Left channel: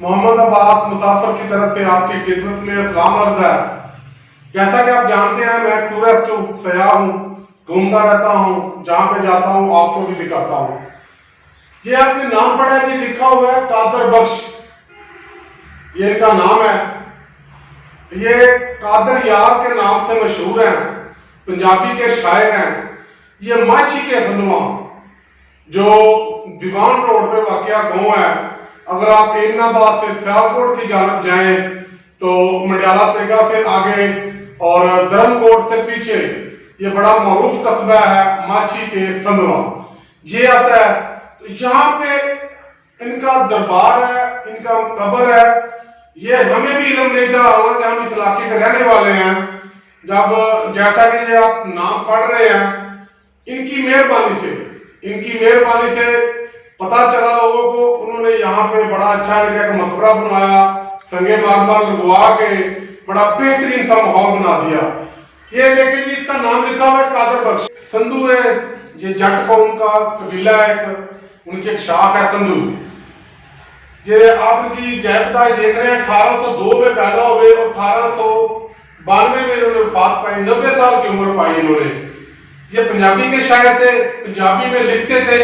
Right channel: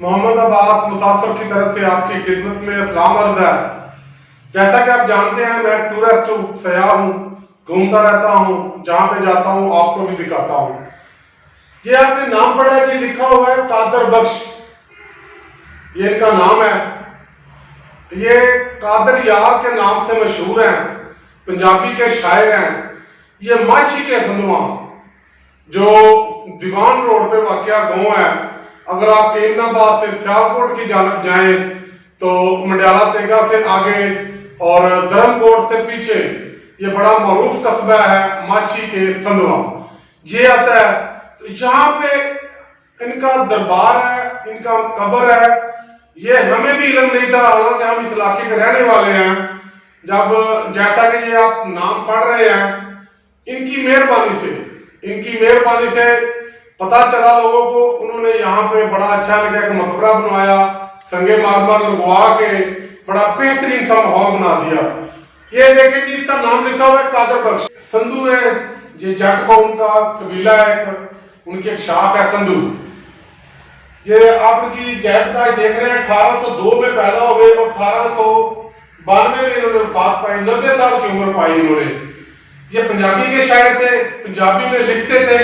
محمد عباس مسافر کی طرف سے آپ کی خدمت میں السلام عرض ہے۔ جیسا کہ آپ جانتے ہیں میں ٹورسٹ ہوں، سیاح ہوں، گھومتا رہتا ہوں، جہاں پہ جاتا ہوں آپ کو بھی دکھاتا ہوں۔ یہ آپ نے نام پڑھا ہے جی، لکھا ہوا ہے قادر بخش، یہ ان کا نام ہے۔ یہ قادر یار کے نام سے مشہور ہیں، پنجابی کے شاعر ہیں۔ یہ ماچھیکے سندھواں جو دیوان روڈ پہ واقع گاؤں ہے، اگر آپ آباد سے سیالکوٹ کی جانب جائیں تو منڈیالہ تیگا سے آگے اور دھرم کوٹ سے پیچھے یہ بڑا معروف قصبہ ہے ماچھیکے سندھواں، یہ آتا ہے۔ یہاں پہ ان کا دربار ہے، ان کا قبر ہے۔ یہ ہمیں بھی علم نہیں تھا، حالانکہ ہم اس علاقے کے رہنے والے ہیں۔ جب جیسا کہ یہ آپ نام پڑھ رہے ہیں، ان کی مہربانی سے پتا چلا لوگوں کو، انہوں نے یہاں پہ بڑا اچھا لگا کہ مقبرہ بنوایا، سنگے مارمر لگوا کے بڑا بہترین سا ماحول بنا دیا۔ یہ دیکھیں جی، اس کا نام لکھا ہوا ہے قادر بخش۔ سندھو ہے، یہ جٹ قوم کا قبیلہ ہے، ان کی ایک شاخ ہے سندھو۔ یہ آپ ان کی جائیداد دیکھ رہے ہیں، 1802 میں پیدا ہوئے اور 1892 میں انہوں نے وفات پائی، 90 سال کی عمر پائی انہوں نے۔ یہ پنجابی کے شاعر تھے، پنجابی میں لکھتے تھے۔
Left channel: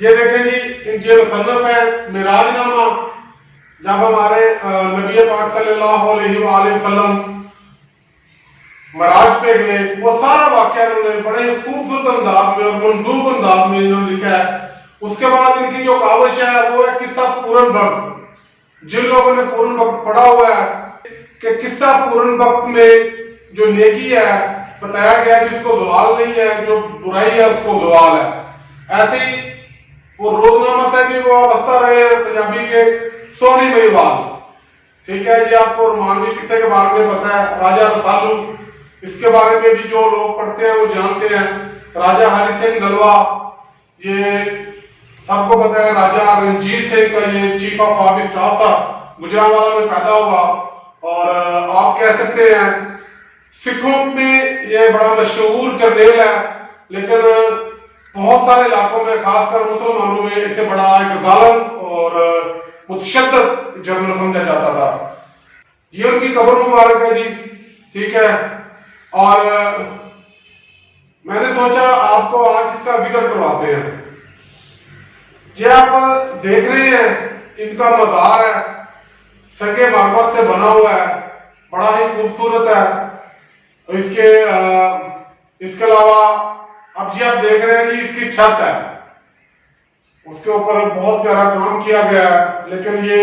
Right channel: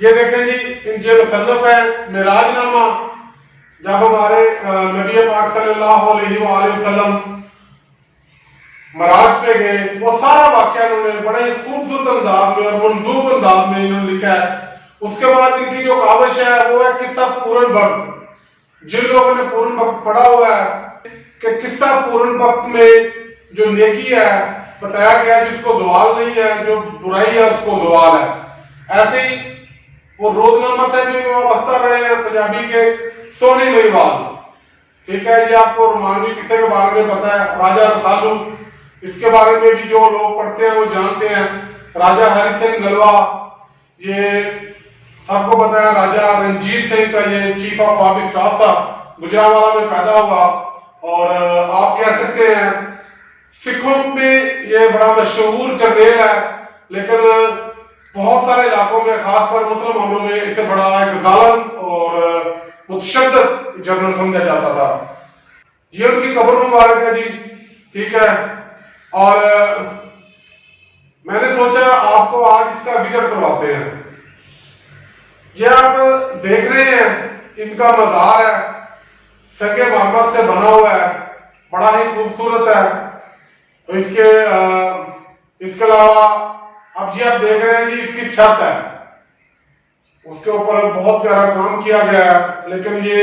یہ دیکھیں جی، ان کے مصنف ہے معراج نامہ۔ جب ہمارے نبی پاک صلی اللہ علیہ وآلہ وسلم معراج پہ گئے، وہ سارا واقعہ انہوں نے بڑے خوبصورت انداز میں اور منظوم انداز میں انہوں نے لکھا ہے۔ اس کے بعد ان کی جو کاوش ہے وہ ہے قصہ پورن بخت۔ جن لوگوں نے پورن بخت پڑھا ہوا ہے کہ قصہ پورن بخت میں جو نیکی ہے بتایا گیا جس کو زوال نہیں ہے، جو برائی ہے اس کو زوال ہے۔ ایسے ہی وہ روزنامہ سے بھی وابستہ رہے ہیں پنجابی کے سونی مہیوال، ٹھیک ہے۔ یہ آپ کو رومانوی قصے کے بارے میں پتا ہے، راجہ رسالو، اس کے بارے میں بھی جو لوگ پڑھتے ہیں وہ جانتے ہیں۔ راجہ ہری سنگھ نلوا، یہ سب کو پتا ہے۔ راجہ رنجیت سنگھ کا یہ چیف آف آرمی اسٹاف تھا، گوجرانوالہ میں پیدا ہوا۔ اور آپ کہہ سکتے ہیں سکھوں میں یہ بڑا مشہور جرنیل ہے، لیکن بہت سارے علاقوں میں خاص کر مسلمانوں میں اسے بڑا ایک ظالم اور متشدد جنرل سمجھا جاتا تھا۔ یہ ان کی قبر مبارک ہے جی، ٹھیک ہے۔ اور میں نے سوچا آپ کو آج اس کا ذکر کرواتے ہیں۔ یہ آپ دیکھ رہے ہیں ان کا مزار ہے، سنگے مارمر سے بنا ہوا ہے، بڑا ہی خوبصورت ہے۔ اس کے علاوہ اب یہ آپ دیکھ رہے ہیں جی، اس کی چھت ہے، اس کے اوپر بہت پیارا کام کیا گیا ہے، لیکن یہ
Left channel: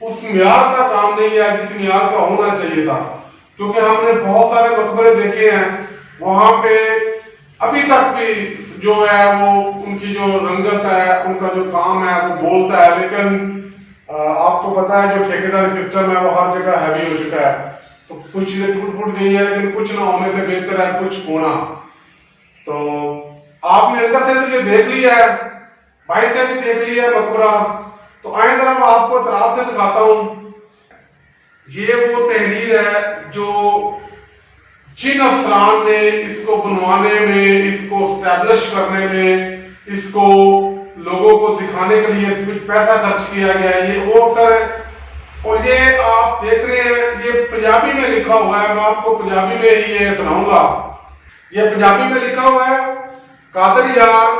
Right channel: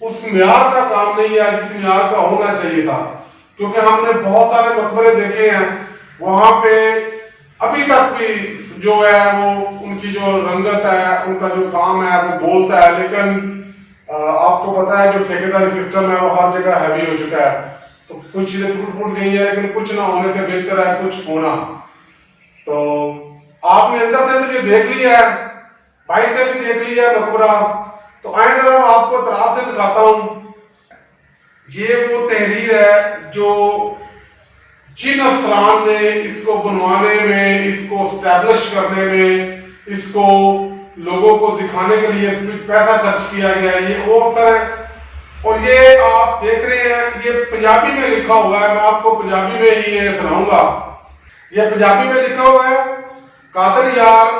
اس معیار کا کام نہیں ہے جس معیار کا ہونا چاہیے تھا، کیونکہ ہم نے بہت سارے مقبرے دیکھے ہیں، وہاں پہ ابھی تک بھی جو ہے وہ ان کی جو رنگت ہے، ان کا جو کام ہے وہ بولتا ہے، لیکن آپ کو پتا ہے جو ٹھیکیداری سسٹم ہے وہ ہر جگہ ہیوی ہو چکا ہے، تو کچھ چیزیں ٹوٹ پھوٹ گئی ہیں، لیکن کچھ نہ ہونے سے بہتر ہے کچھ ہونا۔ تو آپ نے اندر سے تو یہ دیکھ لیا ہے، باہر سے بھی دیکھ لیا ہے مقبرہ، تو آئیں طرف آپ کو اطراف سے دکھاتا ہوں۔ یہ وہ تحریر ہے جو جن افسران نے اس کو بنوانے میں، اس کو اسٹیبلش کرنے میں، اس کو لوگوں کو دکھانے کے لیے اس میں پیسہ خرچ کیا گیا ہے، یہ وہ افسر ہے۔ اور یہ آپ دیکھ رہے ہیں، یہ پنجابی میں لکھا ہوا ہے، میں آپ کو پنجابی میں ہی یہ سناؤں گا۔ یہ پنجابی میں لکھا ہوا ہے، قادر یار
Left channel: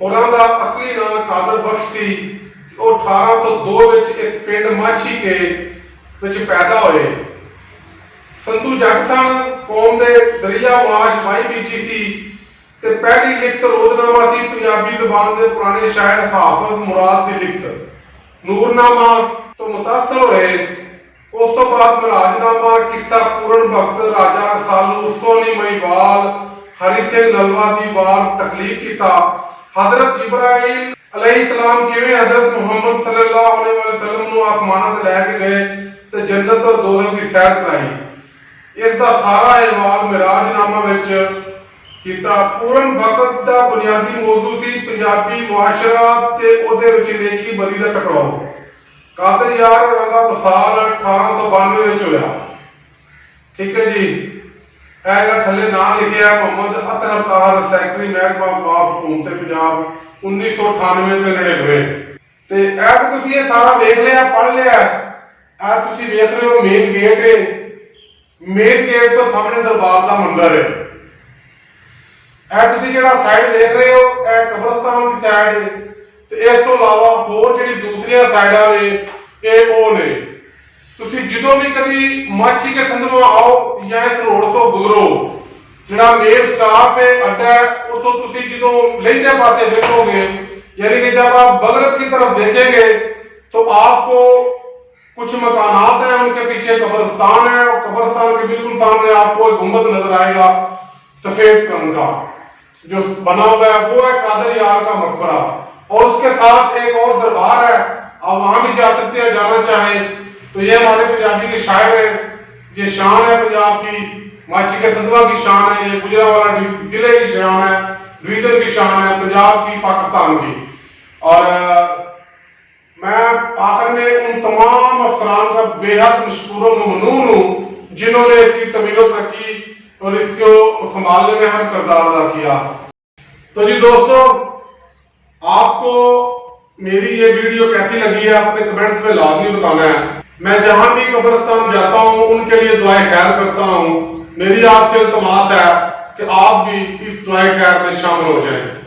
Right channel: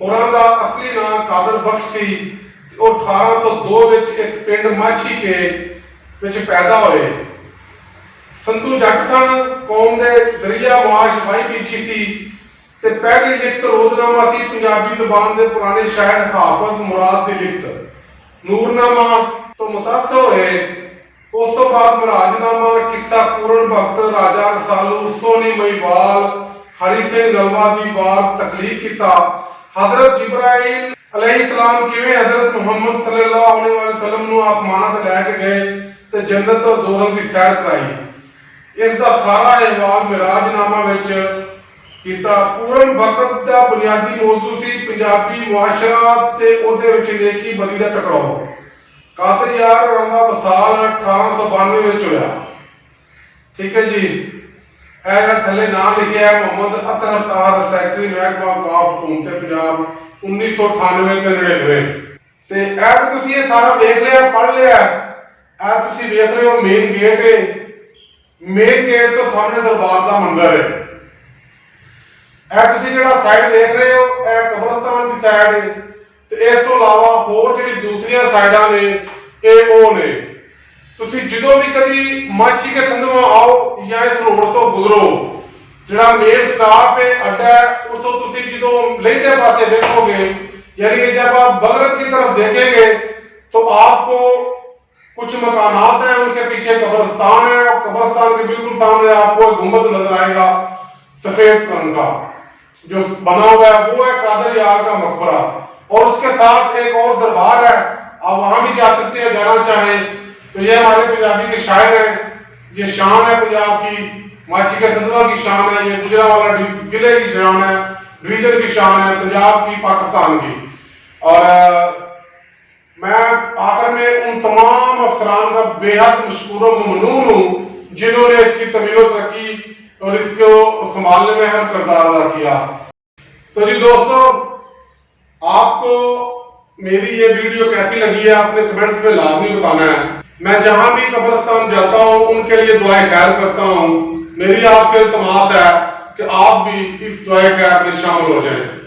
ہوراں دا اصلی نام قادر بخش سی، وہ 1802 وچ اس پنڈ ماچھیکے وچ پیدا ہوئے۔ سندھو جٹ سن، قوم دے ذریعہ معاش وائی بیٹھی سی، تے پہلی لکھت روزنامہ سی پنجابی زبان دے پرانے شاعر حافظ مراد دی لکھت۔ نورنامہ تو متاثر ہوئے، اس تو بعد مراج نامہ، قصہ پورن بخت، راجہ رسالو، سونی مہیوال، ہری سنگھ نلوا دی بار تخلیق کیتا۔ حضرت جبرائیل علیہ السلام کیویں حضرت محمد صلی اللہ علیہ وسلم نو آسمانہ تے لے کے گئے تے جنت اور دوزخ دی سیر کرائی، اس دا سارا احوال معراج نامہ وچ کیتا۔ پورن بخت دا بنیادی موضوع سی پنجابی معاشرہ تے او دے وچ نیکی بدی دا ٹکراؤ۔ قادر یار اور دا وصال 1892 وچ ہویا، ٹھیک ہے جی۔ اے جڑا تھلے نام لکھیا ہے محمد اطہر طاہر سیکرٹری محکمہ اوقاف حکومت پنجاب 1998 تے 99۔ تے اے تے تسی یہ سارا دیکھ لیا پڑھ لیا اے تسی دیکھ رہے ہو مین گیٹ ہے مین گیٹ تو سامنے دربار دا منظر ہے اے تسی جڑا سائڈ دیکھ رہے ہو اے قبرستان دی سائڈ ہے تے اس تو علاوہ ہور جڑی دوسری سائڈاں نے اے او نے تسی جدوں بھی کبھی ماچھی کے سندھواں آؤ یا اس روڈ تو گزرو جڑا مین سٹاپ ہے اڈا ہے اتوں تسی جدوں لیندے پاسے دیکھو گے یعنی کہ جب آپ مغرب کی طرف دیکھیں گے تو آپ کو کچھ مکانات ہیں ان کے پیچھے قبرستان ہے اور قبرستان کے بالکل سامنے آپ کو ایک گنبد نظر آئے گا سفید رنگ کا جو بنا ہوا ہے وہ ہے قادر یار کا مقبرہ اور اس کے ساتھ ایک اور دربار ہے آپ وہاں بھی جا سکتے ہیں جانا چاہیں تو یہ ہمارے پنجابی کے شاعر ہیں یہ شان ہے پنجاب کی ماچھیکے سندھواں کی شان ہے یہ گوجرانوالہ ضلع کی شان ہے ڈویژن کی شان ہے پنجاب کی پاکستان کی اور میں آخر میں ان تمام افسران کا بے حد مشکور و ممنون ہوں جنہوں نے اس کی تعمیر و ترقی اور اس کو سنبھالنے میں اہم کردار ادا کیا تو جی دوستو آپ کو میری یہ ویڈیو کیسی لگی ہے اپنے کمنٹس میں لازمی بتانا ہے میں جہاں بھی قبرستان جاتا ہوں ان کے لیے دعائیں خیر کرتا ہوں میری آپ سے التماس ہے کہ آپ بھی اس دعائیں خیر میں شامل ہو جائیں